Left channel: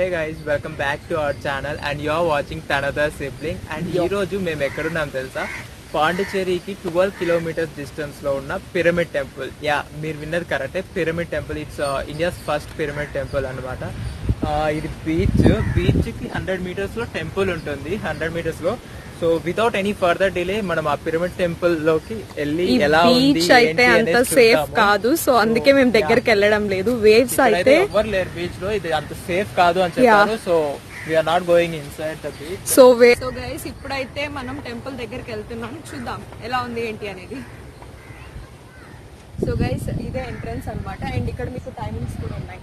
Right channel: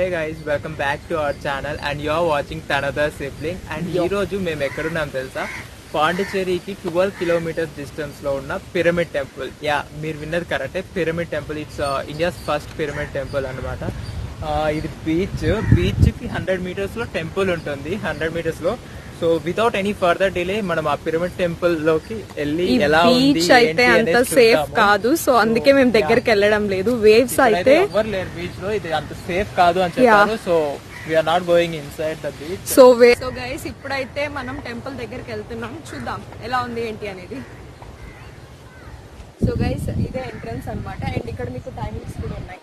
Hey guys welcome back to our channel and you are watching తనదర్ sibling and ఈ రోజు మేము ఎక్కడున్నాం తెలుసా? పాండిచ్చేరికి ట్వెల్వ్ కిలోమీటర్స్ డిస్టెన్స్లో ఉన్న పిరమిడ్ టెంపుల్ యా మీరు విన్నది కరెక్టే pyramid temple it's India's first pyramid temple అనమాట ఇది బీచ్ బీచ్కి హండ్రెడ్ మీటర్స్లో టెంపుల్ ఉంటుంది. Hundred మీటర్స్లో so without any further delay మనం ఆ పిరమిడ్ టెంపుల్లోకి వెళ్ళి ఎలా ఉంది బీచ్ అయితే అంత సేఫ్. కాదు. సో అందుకే మేము దగ్గరికి వెళ్ళడం లేదు. వేవ్స్ అయితే ఎవరు లేరు బీచ్లో ఇది అంత సేఫ్ కాదు అని చెప్పారు. So we are not going inside the beach so way so guys ఇప్పుడైతే మనం టెంపుల్ దగ్గరికి వెళ్తున్నాం. చూద్దాం ఎలా ఉంది ఏంటి అనేది. సో గైస్ ఇదే ఎంట్రన్స్ అన్నమాట. అండ్ ఇక్కడ మీకు టైమింగ్స్ కూడా ఉన్నాయి.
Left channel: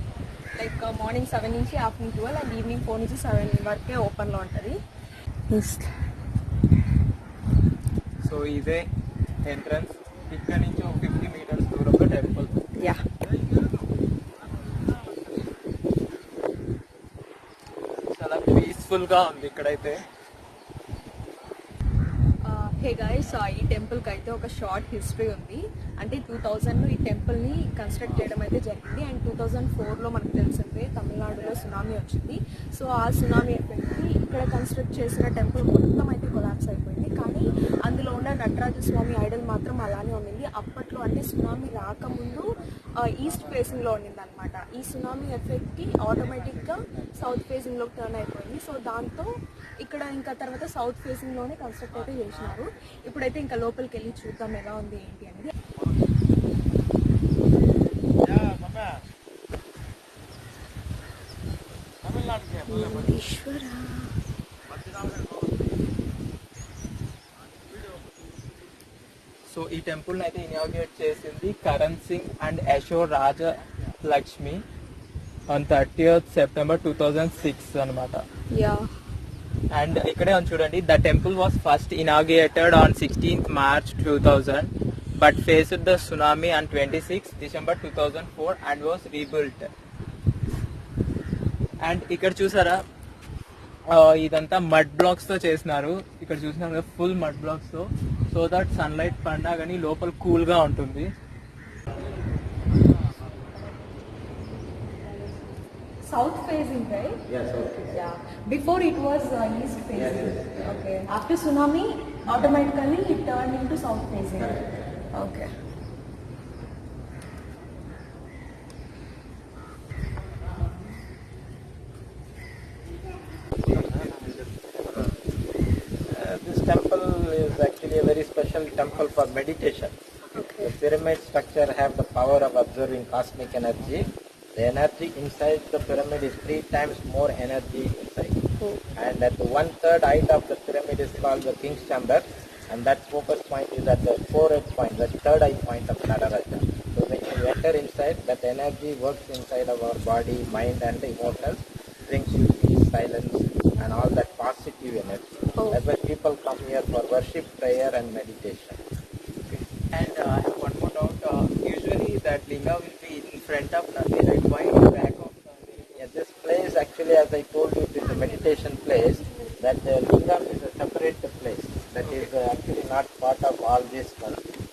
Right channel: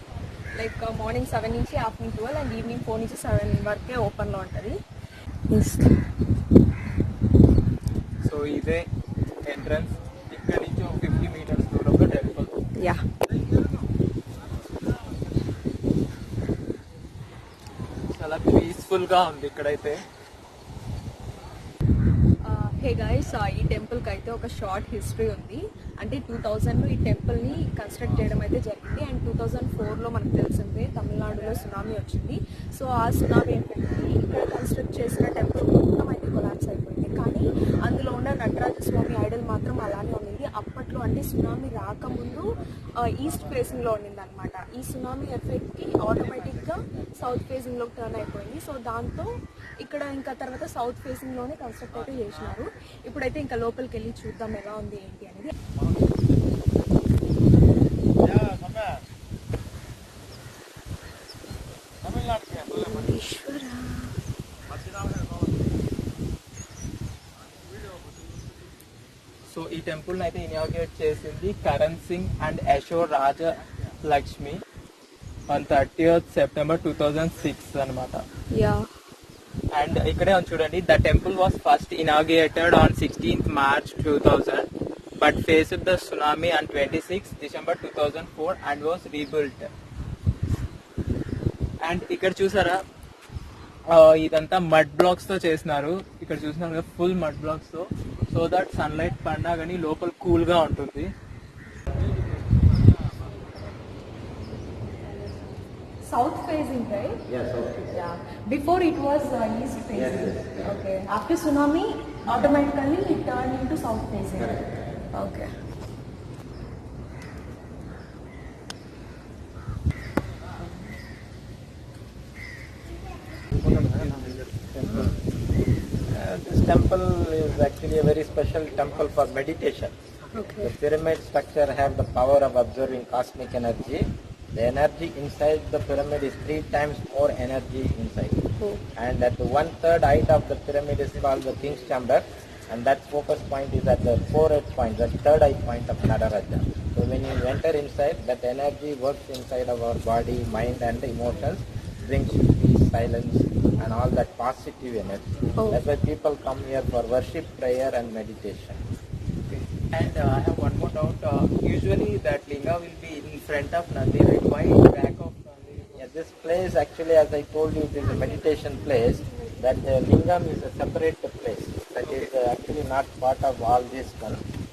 లైక్ మార్నింగ్ సెవెన్ నుంచి afternoon twelve and evening four నుంచి సెవెన్ వరకే ఓపెన్లో ఉంటది. సో ఇదే ఎంట్రన్స్ ఇక్కడ నుంచి ఒక ఫిఫ్టీ మీటర్స్ దూరంలో టెంపుల్ యా చాలా పీస్ఫుల్ గా ఉంది ఇక్కడైతే ఓకే గైస్ ఈ టెంపుల్కి అయితే ఒక షార్ట్ హిస్టరీ ఉంది. అంటే టూ థౌజండ్లో ఈ టెంపుల్ని కన్స్ట్రక్ట్ చేయడం అయితే జరిగింది. అండ్ టూ థౌజండ్ ఫోర్లో మనకు తెలిసిందే తమిళనాడులో సునామీ వచ్చింది. సో ఆ సునామీ ఎఫెక్ట్ ఇక్కడ కన్స్ట్రక్ట్ చేసిన టెంపుల్ మొత్తం అయితే కొలాప్స్ అయిపోయింది. కానీ అందులో ఉన్న నటరాజ స్వామి ఐడల్ మాత్రం అలానే ఉండింది. అప్పట్లో అంటే సునామీ రాకముందు ఈస్ట్ ఫేసింగ్లో ఉండింది అనమాట ఈ సునామీ ఎఫెక్ట్కి ఆటోమేటిక్గా సౌత్ ఫేసింగ్లోకి టర్న్ అయిపోయింది. సో దాంతో ఇక్కడ ఇంకా తర్వాత సౌత్ ఫేసింగ్లోనే కన్స్ట్రక్ట్ అయితే చేసినారు. ఇప్పుడైతే ఇంకా లోపలికి వెళ్ళి చూద్దాం ఎలా ఉంది ఏంటి అనేది. సో ఈ టెంపుల్ అయితే ఇనాగ్రేట్ చేసింది Karan Singh and Yashor Raja Lakshmi on thirty September two thousand six అనమాట యా అండ్ ఇక్కడే ఉంది చూడండి the temple was first inaugurated on sixteenth March two thousand but face the tsunami on twenty six December two thousand four and was rebuilt and ఇక్కడ చూసారా? ఇదంతా mud బ్లాక్స్తో చేసినారు. ఇక్కడ చూసినాం కదా ఫుల్ మడ్ బ్లాక్స్తో. సో దట్ సన్లైట్ పడినా కానీ లోపల కూల్గా ఉంటుంది. south facing, right? Yeah, south facing. Yeah. Before it was uh, east facing. Yes, yes, yeah. Okay. After tsunami, automatically it turned into south facing. Okay. Uh, this temple is actually a very special temple for meditation. Okay. The pyramid structure have the power of absorbing cosmic energy. The energy inside the pyramid is three times more energy inside. Oh. And at the one third height of the pyramid is called the king's chamber. And that focus point is at the forehead point, the third eye point of Nadaraja. So when you enter inside, that energy works inside of our body, mind and emotions, brings peace, silence and all that positive energy. Oh. That's why people come here for worship, prayer and meditation. And uh, I have one more doubt. Uh, usually that Linga will be in front of Nandi right? Why in back of Nandi? Yeah, this place actually as I told you this is a meditation place that uh, Lingam is a separate place that okay. is uh, actually not part of all this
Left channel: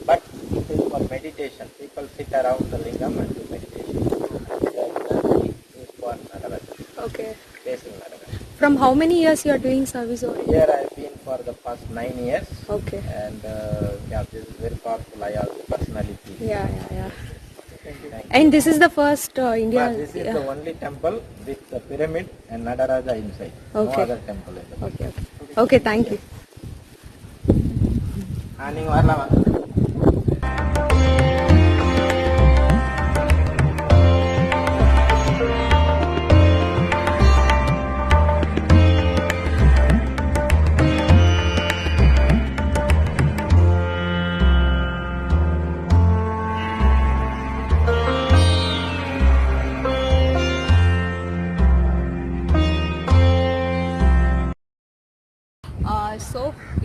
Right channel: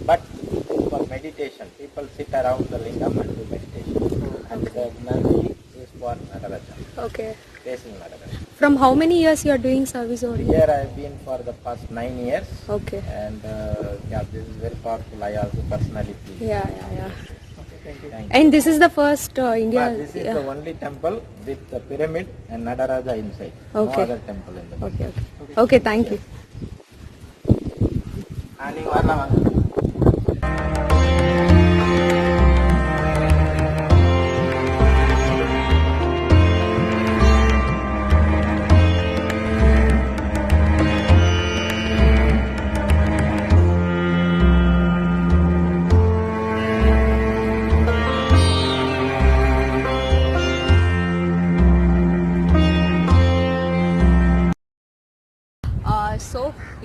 but it is for meditation. People sit around the Lingam and do meditation. And uh, is for Nagaraja. Okay. Facing Nagaraja. From how many years you are doing service over here? Here I have been for the past nine years. Okay. And uh, yeah, this is very powerful. I also personally feel. Yeah, yeah, yeah. And this is the first uh, India. But this is the only temple with the pyramid and Nadaraja inside. Okay. No other temple in the okay, okay. Okay, thank you.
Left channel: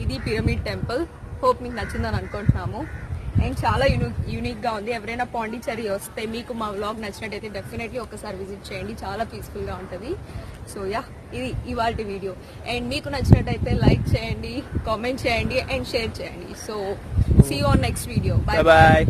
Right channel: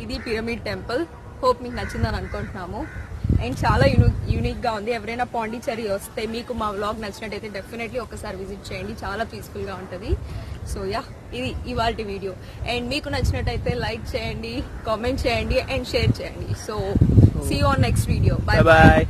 ఇది pyramid temple hope మీకు నచ్చిందని అనుకుంటున్నాము. And చాలా unique యూనిక్గా ఉంది. ఎవరైనా పాండిచ్చేరి వస్తే మీకు మా వ్లాగ్ నచ్చినట్టయితే డెఫినెట్లీ ఒకసారి విజిట్ చేయండి. చాలా పీస్ఫుల్గా ఉంటుంది. సో యా ఇది ఇవాళ వీడియో అండ్ మీకు నచ్చినట్టయితే లైక్ చేయండి కామెంట్ చేయండి అండ్ షేర్ చేయండి. So see on next video bye bye